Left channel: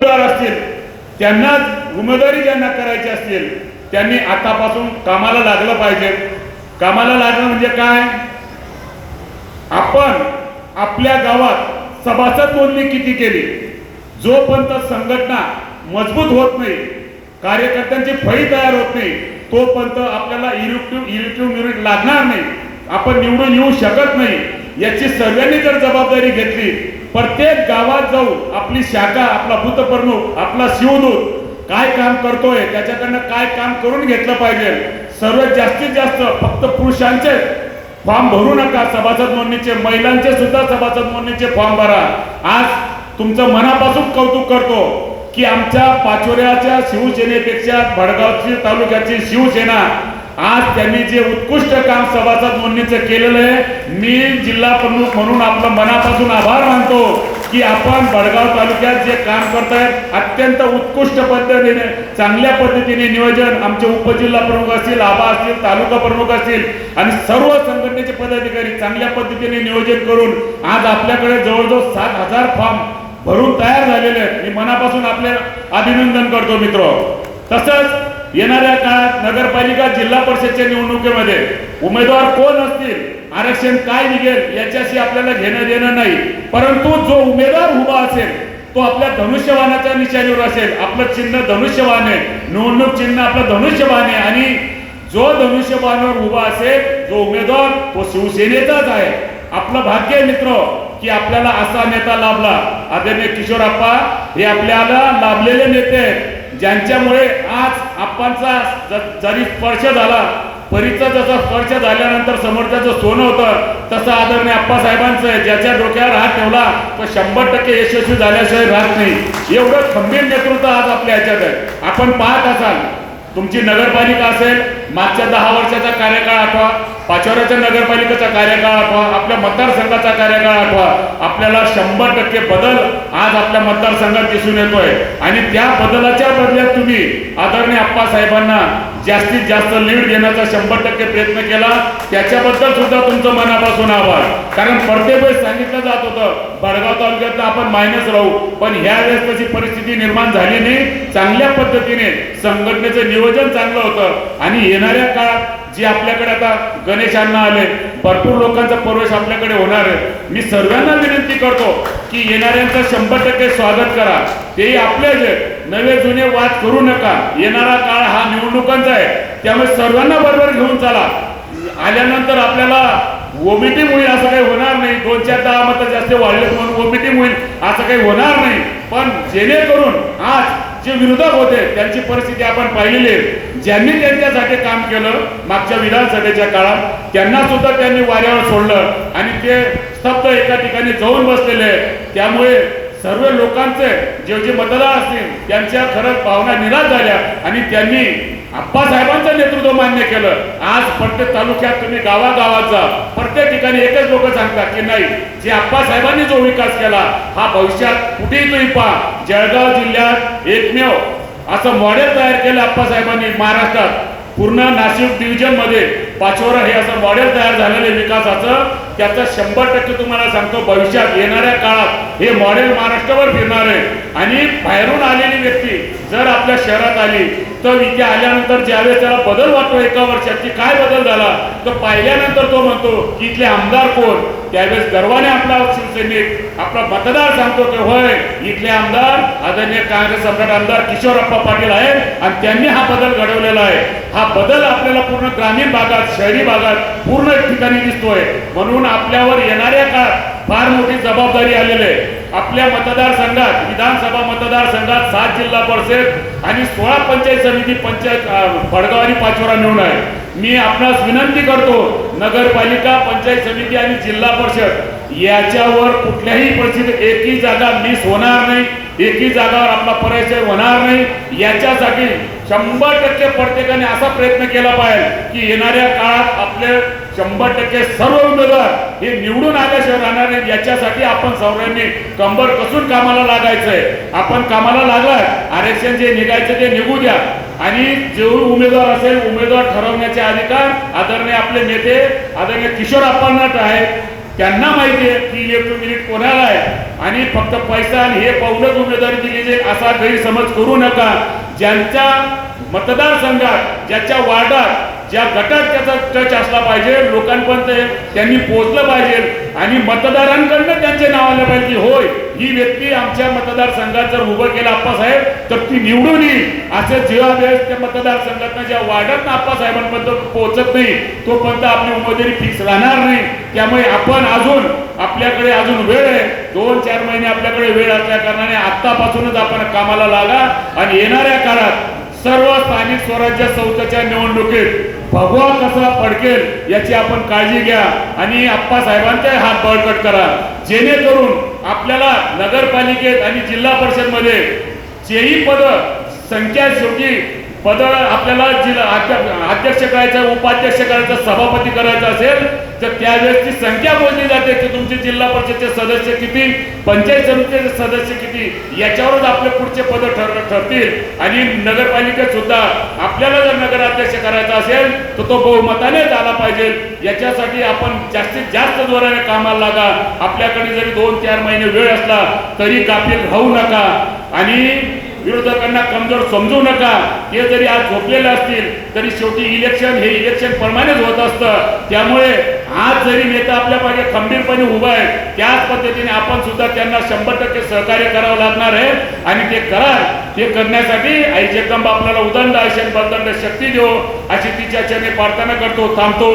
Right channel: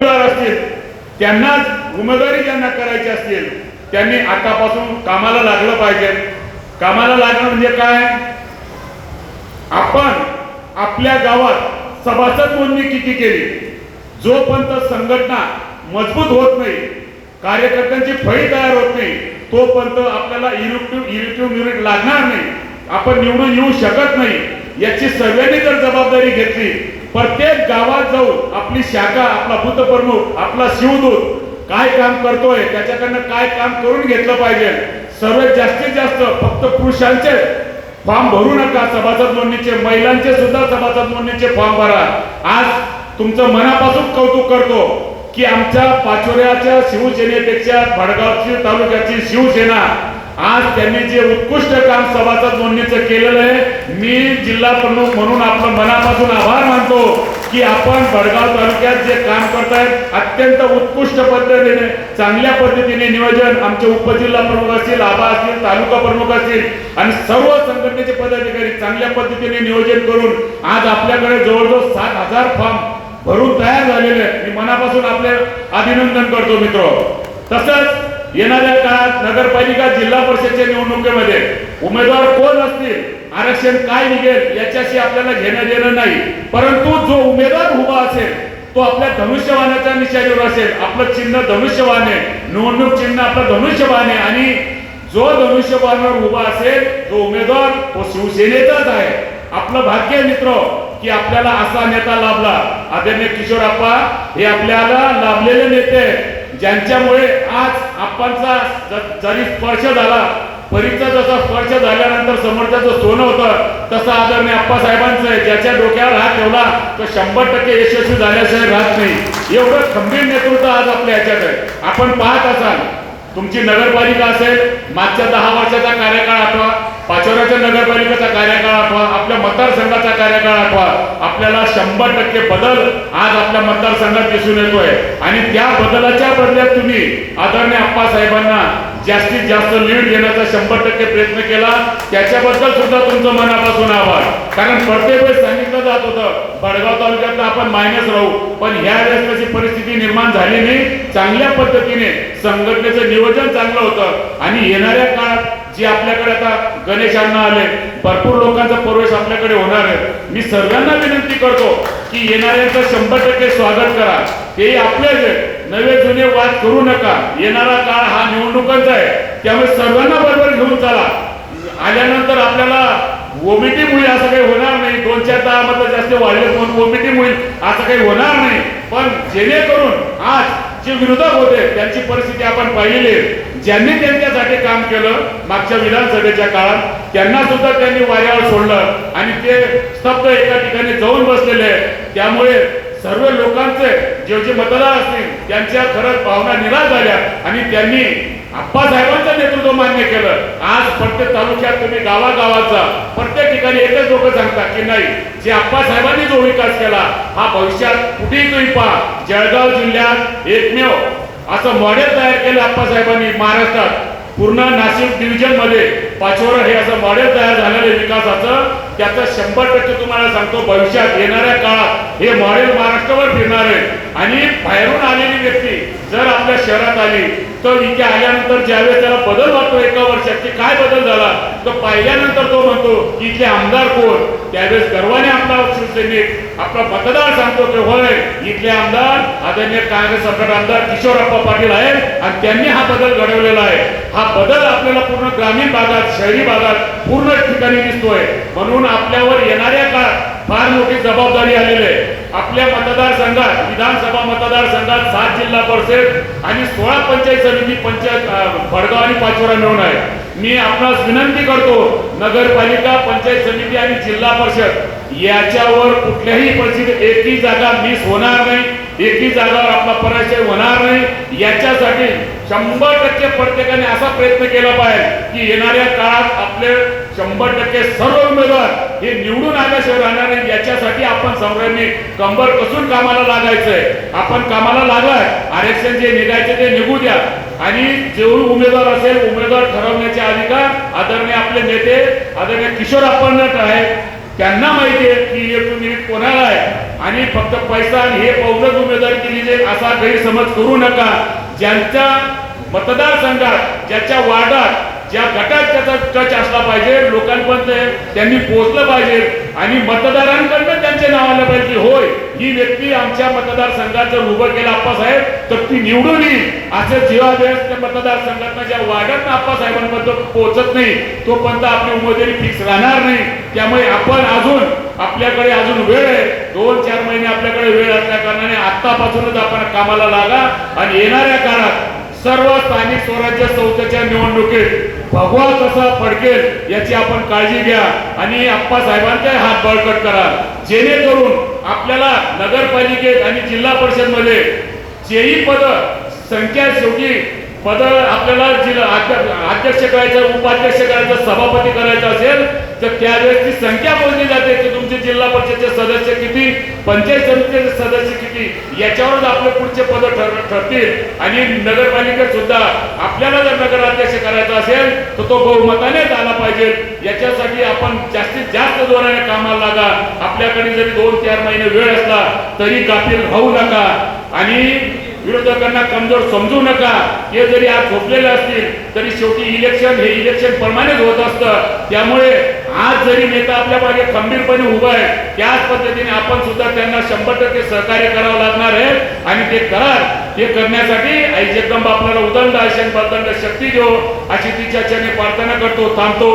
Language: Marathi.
असतील त्यांनाच उमेदवारी ज्यांना करायची असतील त्यांनी आतापासून कामाला लागलं पाहिजे. कामाला लागणं म्हणजे काय? आपण आपल्या गावात सभासद नोंदणी किती केली? जोपर्यंत संघटना मजबूत होत नाही कार्यकर्त्यांची फळी तयार होत नाही तोपर्यंत आपल्याला इलेक्ट्रिक इलेक्ट्रिक युनिट लागणार नाही. आपण निवडून येऊ शकत नाही. याची सर्वांनी जर जबाबदारी घेतली प्रत्येक गावात जाऊन आपली शाखा आपला भूतप्रमुख आपला शिवदूत काय काम करतोय त्याच्याकडनं काय काम करून घेतलं पाहिजे? सर्वात जास्तीत जास्त फक्त पुरुषांचे फॉर्म भरू नका. सभासद नोंदणीचे महिलांचे सुद्धा सभासद नोंदणीचे फॉर्म भरा. आज तुमचं मनापासून कौतुक करतो की आमच्या पाचोऱ्याच्या शिवसेनेपेक्षा भडगावची तालुक्याची शिवसेना आज त्यांनी जे उत्कृष्ट काम सभासद नोंदणीचं केलेलं आहे मी जिल्हा प्रमुख म्हणून आपलं मनापासून आभार मानतो की आपण भडगाव तालुक्यात जे काम करतायत अत्यंत उत्कृष्ट पद्धतीने चांगल्या पद्धतीने नियोजन आमचे उपजिल्हा प्रमुख असतील आबा असतील तालुका प्रमुख असतील आणि सर्व संघटनेचे पदाधिकारी चांगल्या पद्धतीने नियोजन करून आज आपल्याकडे जवळजवळ सात हजार फॉर्म भरून तयार झालेले आहेत. मी मनापासून आपले अभिनंदन करतो मित्र. तसंच येणाऱ्या लोकसभेच्या निवडणुकीमध्ये उमेदवार कोण असतील आरक्षण काय निघेल याच्याशी आपल्याला घेणं देणं नाही. परंतु जो उमेदवार उभा असेल तो आपल्या धनुष्यवानाच्या निशाणीवर असेल. आपलं चिन्ह धनुष्यवान आहे निवडणूक चिन्ह आपलं धनुष्यवान आहे आणि जो धनुष्यबाणीवर उभा असेल जो उमेदवार तो शिवसेनेचाच आहे. आपलं भाग्य मित्र की आपल्याला असा नेता लाभला. आदरणीय किशोर आप्पा हे आपल्याला लाभलेले नेते ज्यांच्यामुळे आज आपणचा जरी स्पर्श झाला परीचा जसा स्पर्श झाल्यानंतर समोरच्याचं सोनं होतं तसं आदरणीय आप्पासाहेबांचं आहे ज्याच्या डोक्यावर हात ठेवला तो शंभर टक्के यशस्वी झाल्याशिवाय राहत नाही. एवढं खंबीर नेतृत्व आज आपल्या ह्याच्यात आहे. आपण पाहत असाल तुमची नगरपालिका असेल मागच्या दहा वर्षाचा कार्यकाळ आठवा पाचोऱ्याच्या नगरपालिकेचा कार्यकाळ आठवा आपल्या मतदारसंघाचा कार्यकाळ आठवा आपल्याला शंभर टक्के बदल आज आपल्या मतदारसंघात दिसून येतोय. आणि त्या बदलाच्या बदल्यात तुम्ही आदरणीय आप्पासाहेबांना जास्तीत जास्त लीड घेण्याचा शंभर टक्के प्रयत्न केला. त्याच्याबद्दल सुद्धा तुमचं मनापासून आभार. कारण प्रत्येक वेळेस सांगितलं जात होतं बडगाव तालुक्यात आपण मायनस राहू. पण ह्या वेळेस तशी परिस्थिती निर्माण झाली नाही. चांगल्या पद्धतीने संघटनेचं नियोजन चांगलं होतं. आणि येणाऱ्या काळात जे आपल्याकडे आता गणेशांना आले भरपूर लोकांचा प्रवेश आपल्याकडे होणार आहे. मी सर्वांना विनंती करतो की येणाऱ्यांचं शंभर टक्के स्वागत करा. तेही आपलेच आहे नवे जुने वाद करू नका. येणारा काळ हा निवडणुकांचा आहे. त्यामुळे सर्वांना बरोबर घेऊन चला. आल्यानंतर आपल्याला ओबीटी होईल असं काही होणार नाही. दोन चार दहा मत जास्त वाढले म्हणून ओबीटी होईल असं काही होणार नाही. पण जेणेकरून आज जे विरोधक होते त्यांची परिस्थिती आपण पाहिलेली आहे. ज्यांनी त्यांच्यासाठी काम केलं मागच्या विधानसभेच्या काळात त्यांना सुद्धा त्यांनी वाऱ्यावर सोडलं आणि ते स्तब्ध एका ठिकाणी जाऊन बसलेले त्यामुळे सर्व लोकांचे जे जे मतदार असतील त्यांच्या खरंच भावना निराश झाल्या आणि त्यांनी आप्पासाहेबांचं नेतृत्व मान्य केलं. आज प्रत्येक तालुक्यात तुम्ही गावागावात जा. प्रत्येक ठिकाणी एकच लोक सांगतात की नाही जे आप्पासाहेबांनी जो विकास केला हा भविष्यात कुठेही तुम्ही पहा. जळगाव जिल्ह्यात एकमेव असं मॉडेल तयार केलं आप्पासाहेबांनी महाराष्ट्रात. पूर्ण नाशिक डिव्हिजनमध्ये पाचवडा हे असं मॉडेल तयार झालेलं विकासाचं. त्याचं शंभर टक्के तुम्हाला सांगतो भविष्यात येणाऱ्या काळात हे मॉडेल महाराष्ट्रावर फिरणार आहे. आणि बाहेरून आलेली व्यक्ती जर आपल्या शहरात आली तर इथे आल्यानंतर ज्यावेळेस त्याला बदल वाटतो एका वर्षात की काय बदल झाला? तर पाहिल्यानंतर तो म्हणतो इथले आमदार कोण? त्यावेळेस गर्वाने आपला शिवसेनेत आपला मतदार सांगतो ते होय इथले आमदार आदरणीय काँग्रेस सम्राट आमदार किशोरप्पा पाटील आहेत आणि त्यांनी हा बदल घडवलेला आहे. हा बदल आपल्याला पूर्ण ग्रामीण भागात शहरी भागात पूर्ण ठिकाणी दिसतोय. म्हणून आपल्यावर येणाऱ्या काळात फार मोठी जबाबदारी आलेली आहे. आपल्या मतदारसंघात विधानसभा मतदारसंघात सात जिल्हा परिषद आणि सोळा पंचायत समिती पंचायत भडगाव आणि पाचोरा मिळून आहे. मी आपणास विनंती करतो नगरपालिका पंचायत समिती आणि जिल्हा परिषद याच्यावर कुठल्याही परिस्थितीत एकही जागा मिस होणार नाही एकही जागावर आपला पराजय होणार नाही. याच्यासाठी शंभर टक्के प्रत्येकाने असा प्रयत्न केला पाहिजे की येणाऱ्या काळात आपले शंभर टक्के सर्व उमेदवार हे निवडून आल्याशिवाय राहणार नाही. याच्यासाठी आपण सर्वांनी कंबर कसून कामाला लागायचंय. आपण कामाला लागलाय आरक्षण जे निघायचं ते निघू द्या. आणि जेवढे उमेदवार असेल उमेदवार ठरवण्याचे अधिकार आदरणीय आपले नेते आदरणीय किशोर आपण आहेत. त्यांना माहिती आहे की इलेक्ट्रिक युनिट कोणाला आहे? आणि फक्त पैसा हे पावलंच उमेदवार दिली जे असा गैरसमज करू नका. ज्यांच्या मतदारसंघात ज्याच्या वार्डात ज्या गटात त्याचा टच असला पाहिजे लोकांपर्यंत त्यांनी पोहोचलं पाहिजे. आणि मतदारांकडनं त्यांचे नाव आलं पाहिजे होय ही व्यक्ती आमच्या मतदारसंघात जर उभं केलं आप्पासाहेब तर ती निवडून येईल. असे जेव्हा वेळेस त्या मतदारसंघात ज्या वार्डात आप्पासाहेबांपर्यंत पोहोचत नाही तोपर्यंत आपली उमेदवारी फिक्स राहणार नाही. त्यामुळे आपण अजून आपल्याकडे अजून वेळ आहे. दोन चार महिने आपल्याकडे वेळ असल्या कारणाने आतापासूनच आपण कामाला लागा आणि येणाऱ्या काळात सर्व स्थानिक स्वराज्य संस्थेच्या निवडणुकीत भगवा कसा फडकेल याची आपण काळजी घ्या आणि आप्पा साहेबांचा हात बळकट करा. जेणेकरून आपल्याला नगरपालिकेत आणि जिल्हा परिषदमध्ये जेही पद संख्या शेवटी पद आपल्याला जिल्हा अध्यक्ष करायचं उपाध्यक्ष करायचं सभापती करायचं असेल तर त्यावेळेस ती संख्या मोजली जाते की तुमचे जिल्हा परिषदचे सदस्य किती पंचायत समितीचे सदस्य किती याच्यावरच आपले पुढचे पद ठरतील. आणि नगरपालिका सुद्धा आपल्याला जर नगराध्यक्ष करायचा असेल तर तो बहुमताने झाला पाहिजे. याच्यासाठी आपण जास्तीत जास्त जोराने कामाला लागा. आपल्याकडे जरी दोन चार महिने वेळ असला तरी कापील होऊ नका. आणि विरोधकांना कमजोर समजू नका. हे जरी आज झोपलेले असतील तरी शेवटी इलेक्शन हे इलेक्शन प्रमाणेच होत असतं. त्यामुळे आज जरी नेता आपल्या खंबीरपणे उभा आहे त्याच पद्धतीने आपण सुद्धा त्यांना शंभर टक्के सहकार्य करावं लागणार आहे. आणि ते करा ते करण्यासाठी आई जगदंब आपल्याला उदंड आशन बलदंड शक्ती देऊ अशी तिच्या चरणी प्रार्थना करतो थांबतो.